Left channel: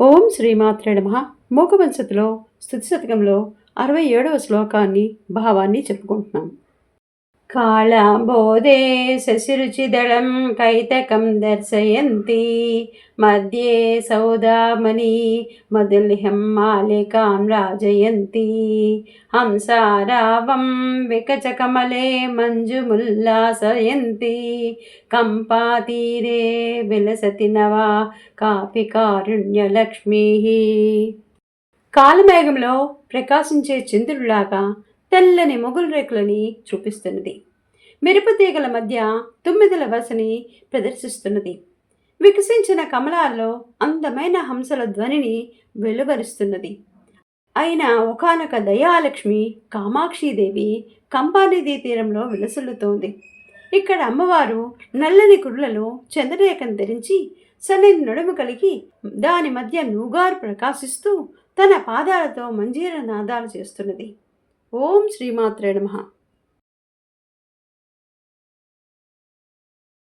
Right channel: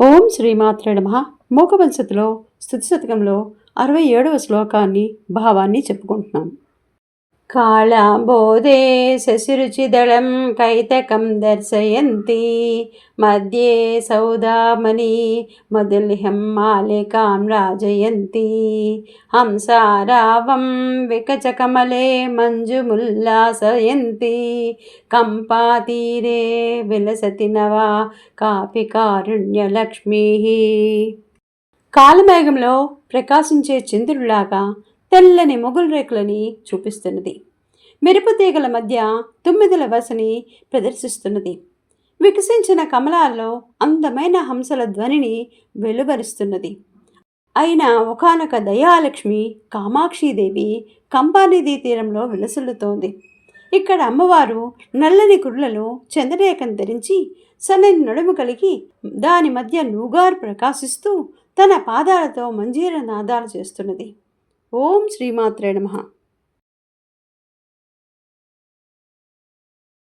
ఓం శ్రీమాత్రే నమః. మూకపంచతిలో స్తుతి శతకంలో 67వ శ్లోకాన్ని భావాన్ని చెప్పుకుంటున్నాం. కాళాంబోధే శశిరుచిదళం కైతకం దర్శయంతి మధ్యే సౌదామణి మధులిహం మాలికాం రాజయంతి హంసారావం వికచకమలే మంజుముల్లాసయంతి కంపాతీరే విలసతి నవా కాపి కారుణ్యలక్ష్మీ. కాలమేఘంలో ప్రకాశించే చంద్రుడిలాగా తెల్లని మొగులు రేకులని చూపిస్తున్నది. మెరుపుతీగల మధ్య తుమ్మిదల వసని ప్రదర్శిస్తున్నది. వికసించిన కమలాల్లో అందమైన హంసల ధ్వనిని వెలువరుస్తున్నది. అయిన ఒకానొక దయాలక్ష్మి కామాక్షీదేవి కంపానదీ తీరంలో విలసిల్లుతోంది. ఇక్కడ అమ్మవారు నల్లని కుర్లలో చంద్రరేఖను ధరించి సన్నని నడుము కలిగి దాని మధ్య నూగారు ప్రకాశిస్తూ తన పాదాలతో మంజీర నాదాలు చేస్తున్నది. ఓం శ్రీమాత్రే నమః.